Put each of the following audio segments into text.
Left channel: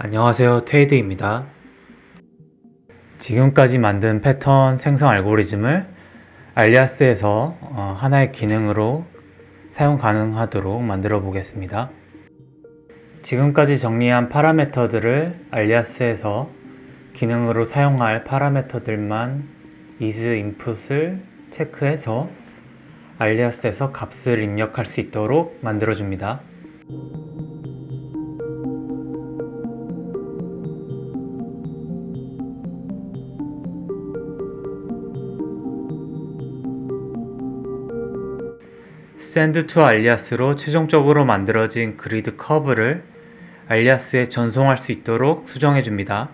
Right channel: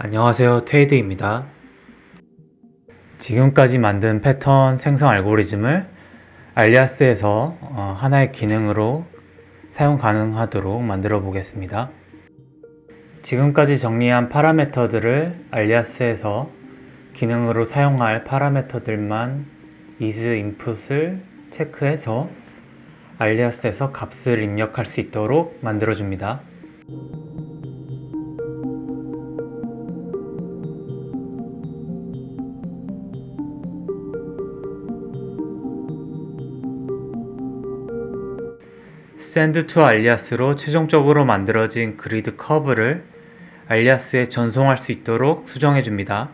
안녕하세요, 테이드입니다. 지금까지 만든 패턴 생성 알고리즘을 알리아스에서 하나의 기능으로 사용 가능하도록 만들어 보겠습니다. 지금까지 정리한 파라미터들을 알리아스에서 기능으로 사용할 파라미터들만 isInput을 체크해서 알리아스에서 값을 입력할 수 있도록 만들어 줍니다. send to alias로 최종적으로 만들어진 그리드 커브를 알리아스에 전송할 수 있도록 수정해 줍니다.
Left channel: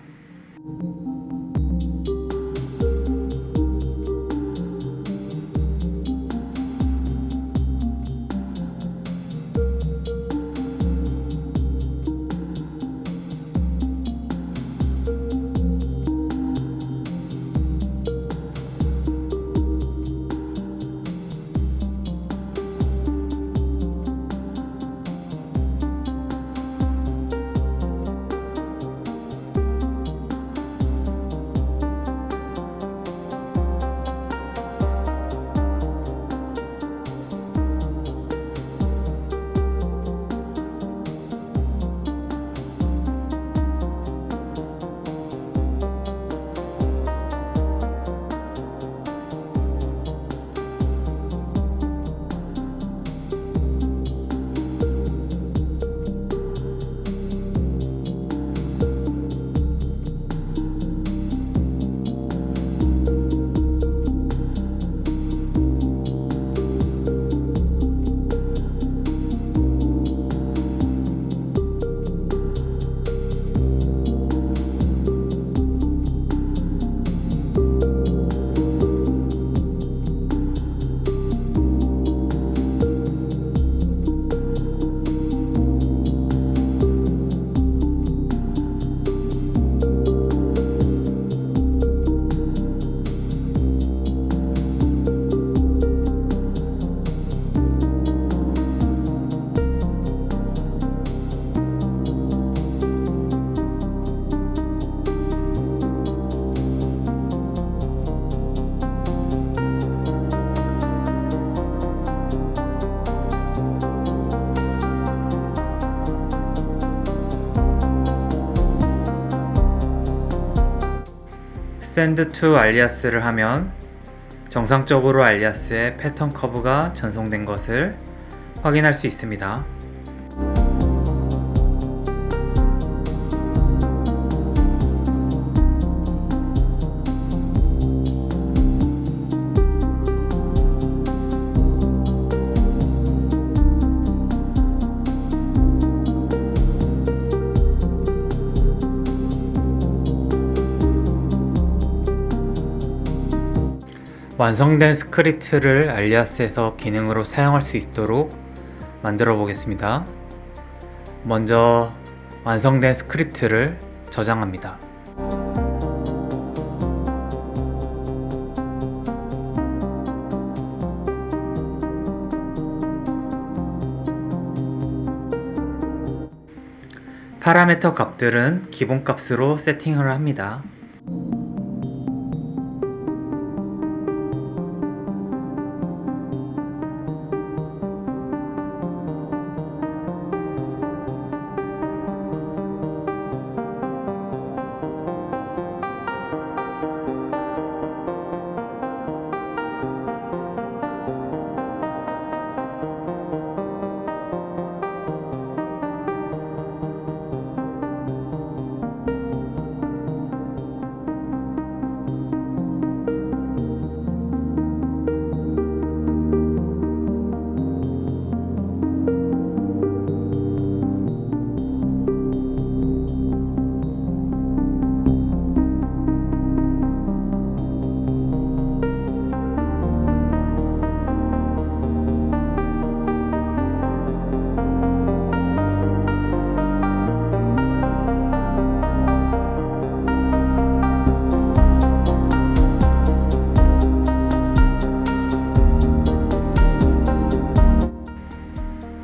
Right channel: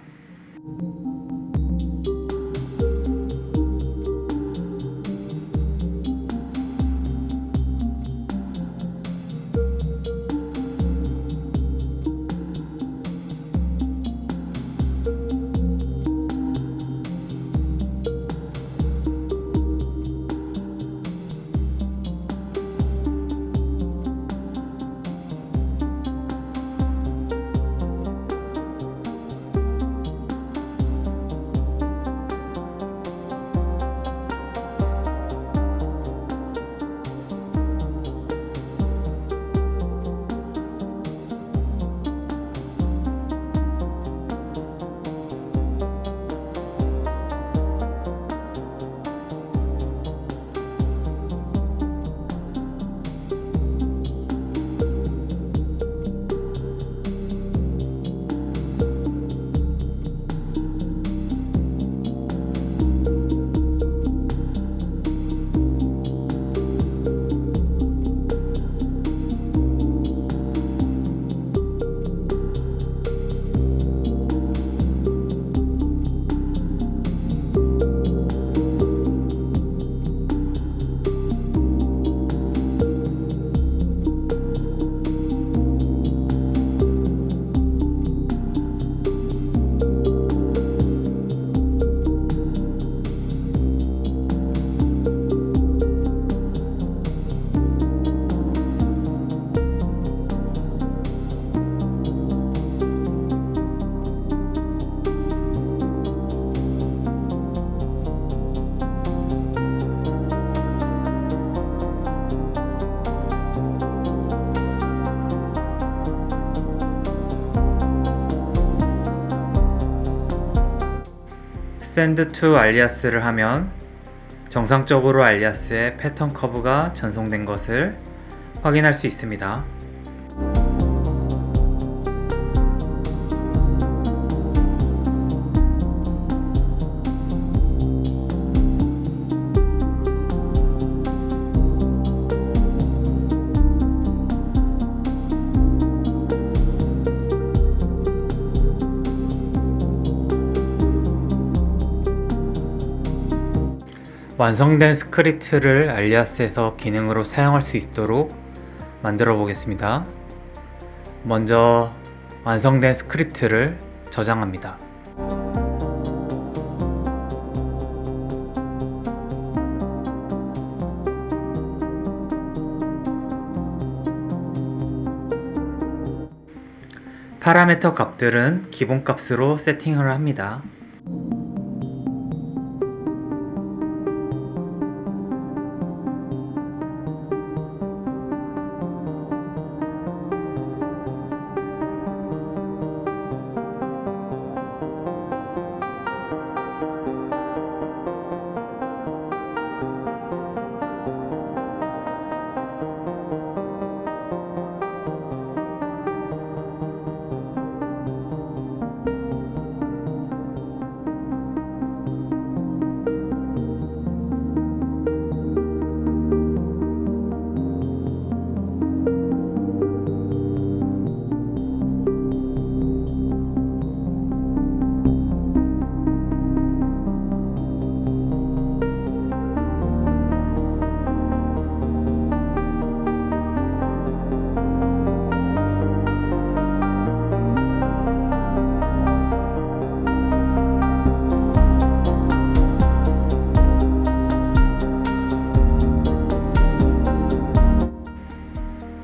send to alias를 하면 정상적으로 알리아스에 패턴 커브가 전송된 것을 확인할 수 있습니다. 완성된 스크립트를 알리아스에서 기능으로 사용할 수 있도록 만들어 보겠습니다. 먼저 완성된 스크립트를 저장합니다. 파라미터 값들은 기본값으로 세팅을 합니다.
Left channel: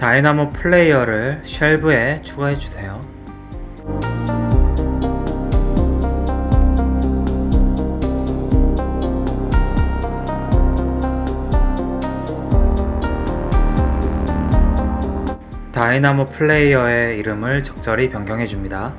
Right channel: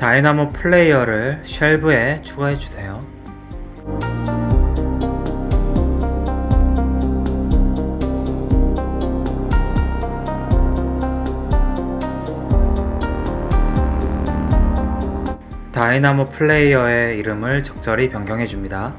다이나모 플레이어를 쉘브에 추가해 주세요. 다이나모 플레이어의 이름을 적절히 변경해 줍니다.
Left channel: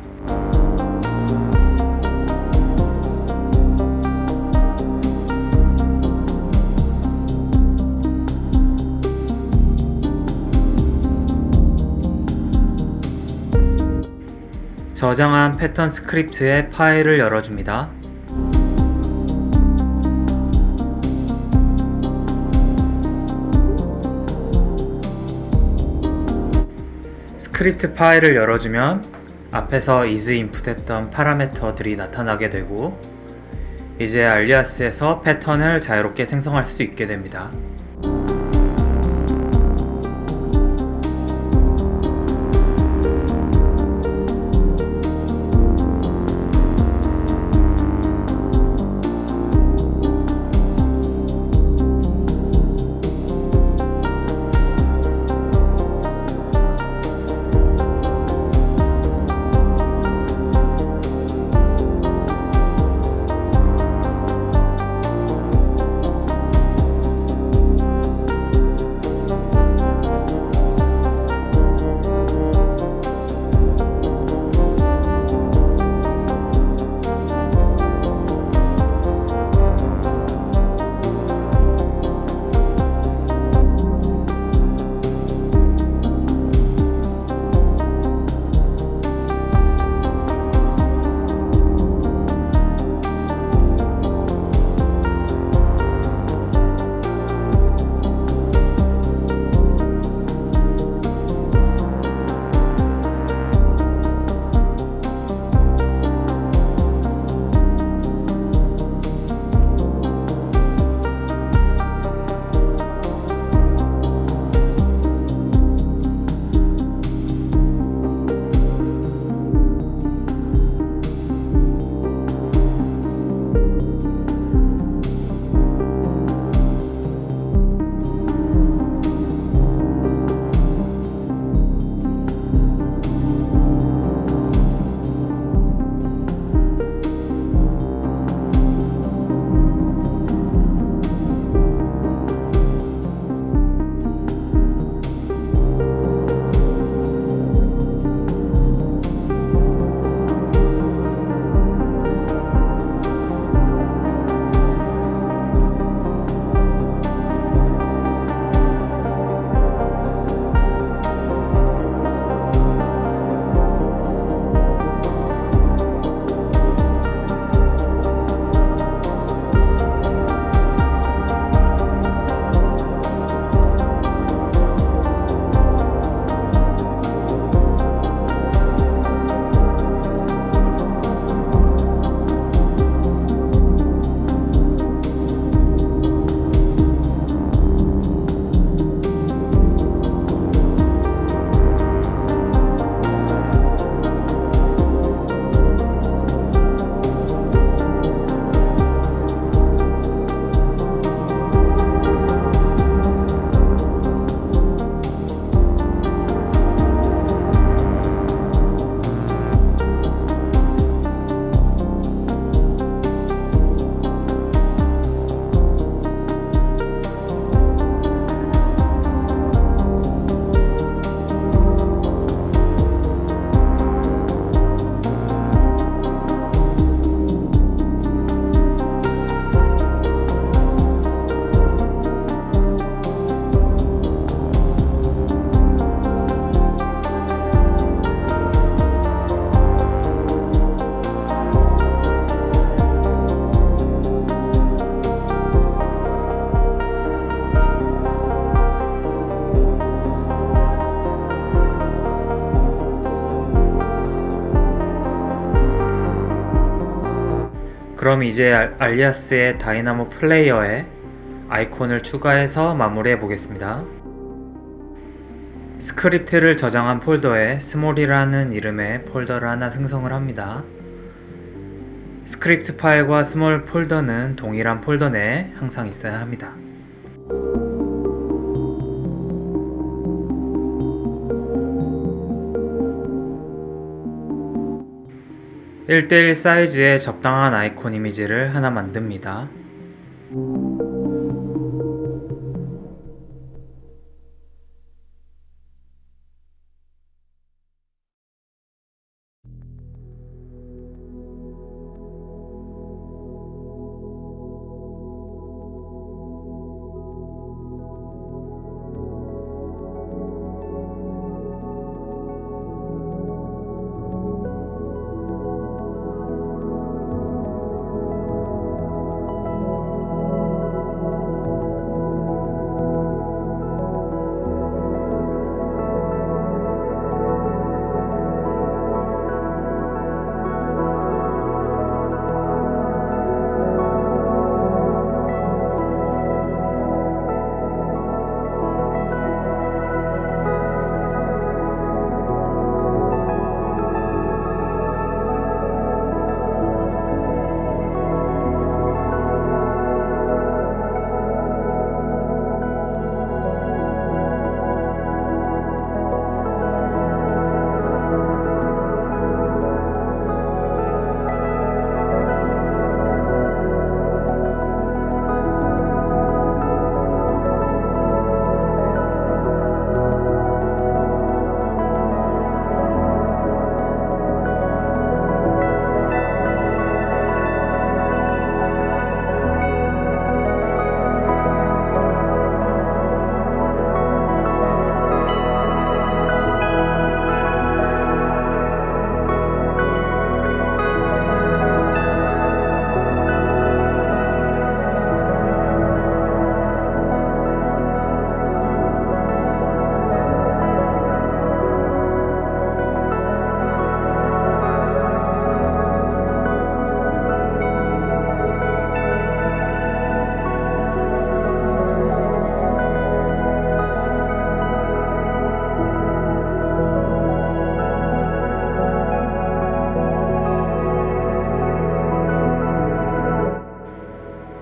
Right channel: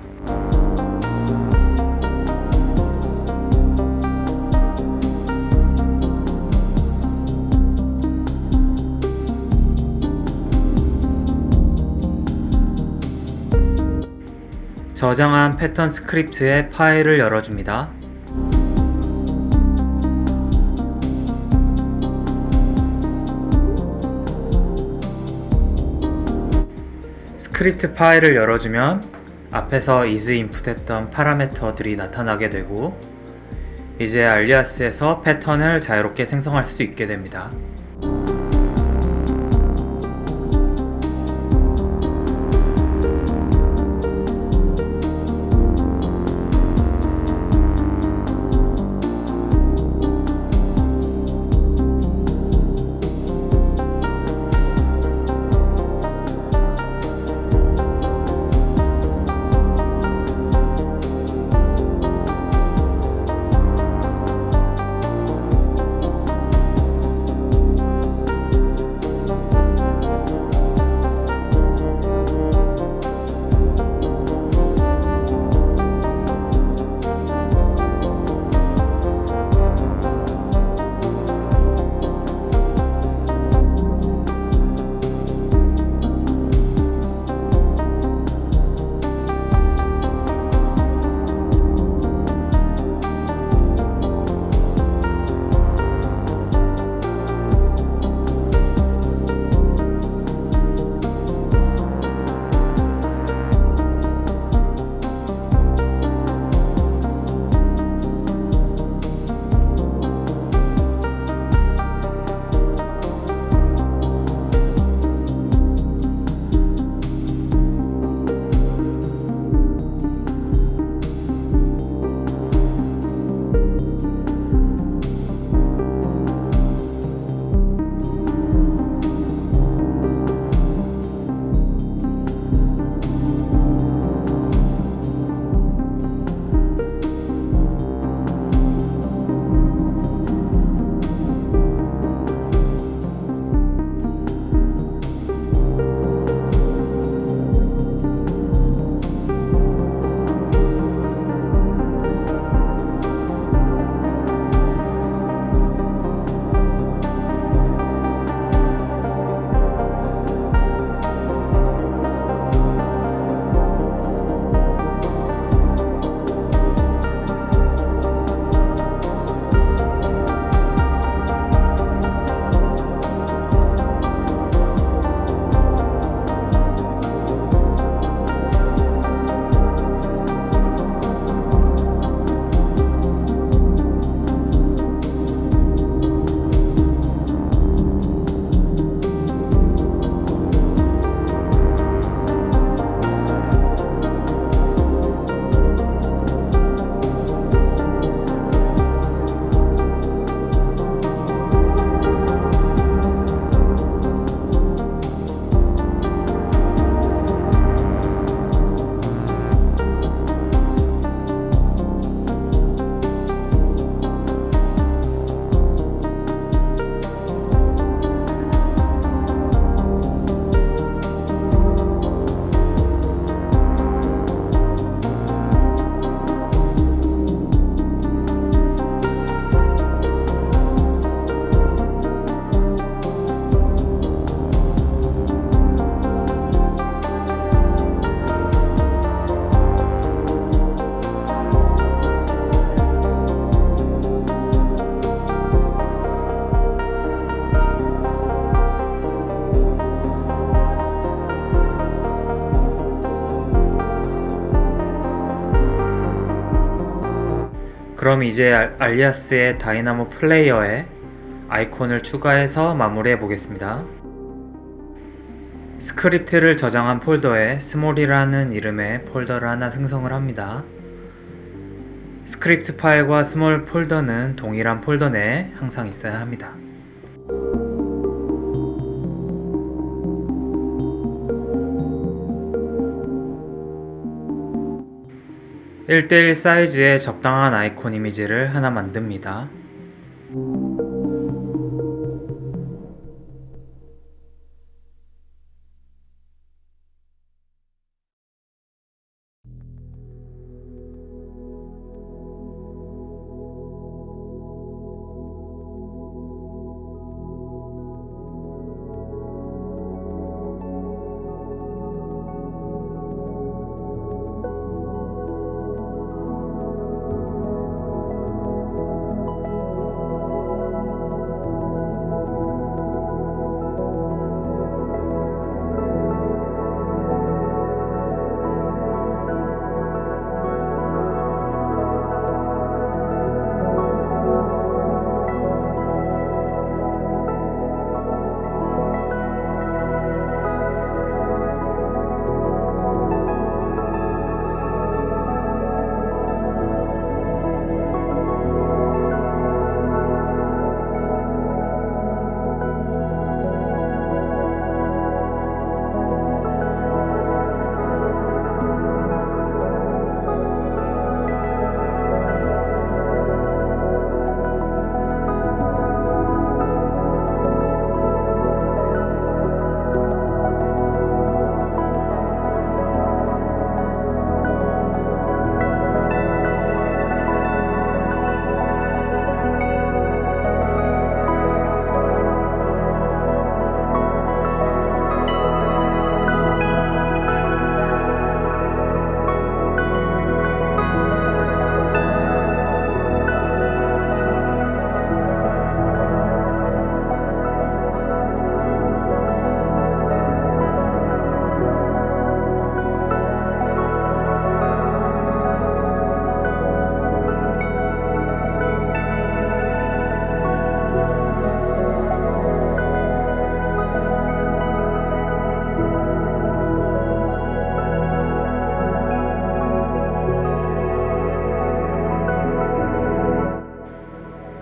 저장한 패턴 스크립트의 파일을 열어줍니다. 스크립트 파일을 열어주면 앞에서 is 인풋했던 파라미터들이 나타나게 되고 이제 알리아스에서 패턴을 자유롭게 생성할 수 있게 됩니다. 그럼 이제 알리아스의 다이나모 플레이어에 아이콘을 추가해서 마무리해 보겠습니다. 스크립트를 저장한 폴더에 스몰이라는 이름의 폴더를 하나 생성을 합니다. 스크립트 파일과 스몰 폴더는 동일한 폴더 내에 항상 있어야 합니다. 1:1 사이즈의 적당한 아이콘 이미지를 하나 만듭니다.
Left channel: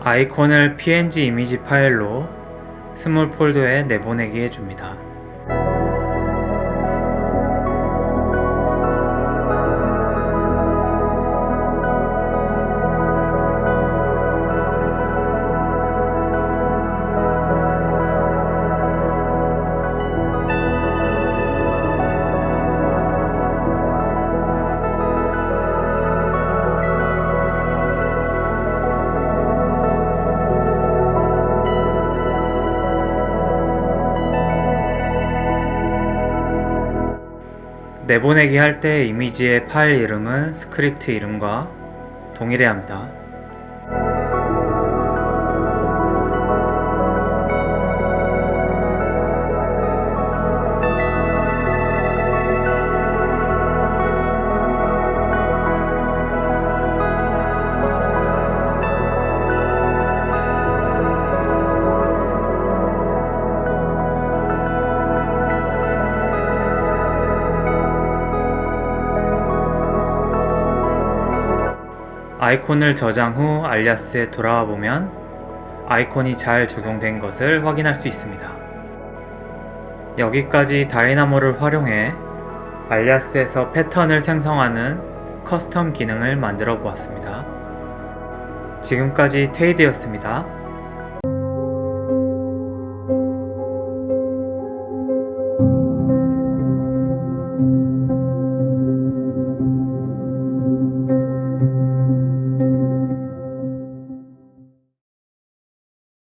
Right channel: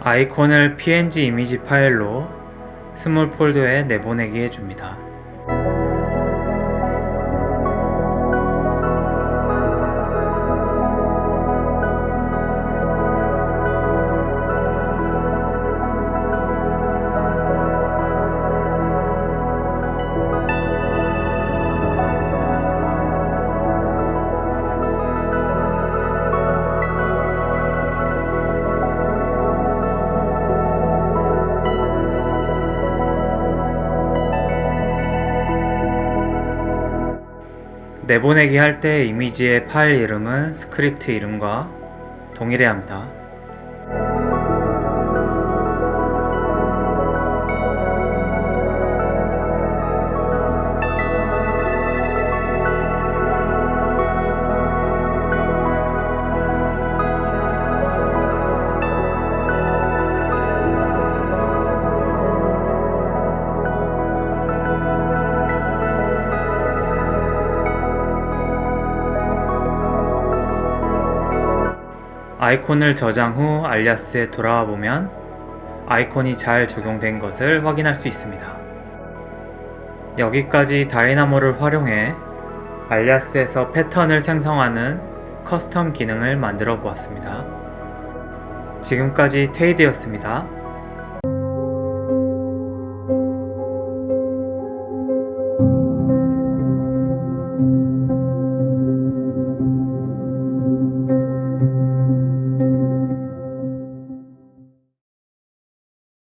아이콘을 png 이미지 파일로 스몰 폴더에 내보내기 해줍니다. 내보내기 할 때 이미지의 파일 이름은 스크립트 이름과 동일해야 합니다. 아이콘을 저장 후 알리아스에 돌아와 보면 아이콘이 잘 적용된 것을 확인할 수 있습니다. 여기까지 다이나모를 활용해 알리아스에서 패턴을 생성하는 커스텀 기능을 만들어 보았습니다. 지금까지 테이드였습니다.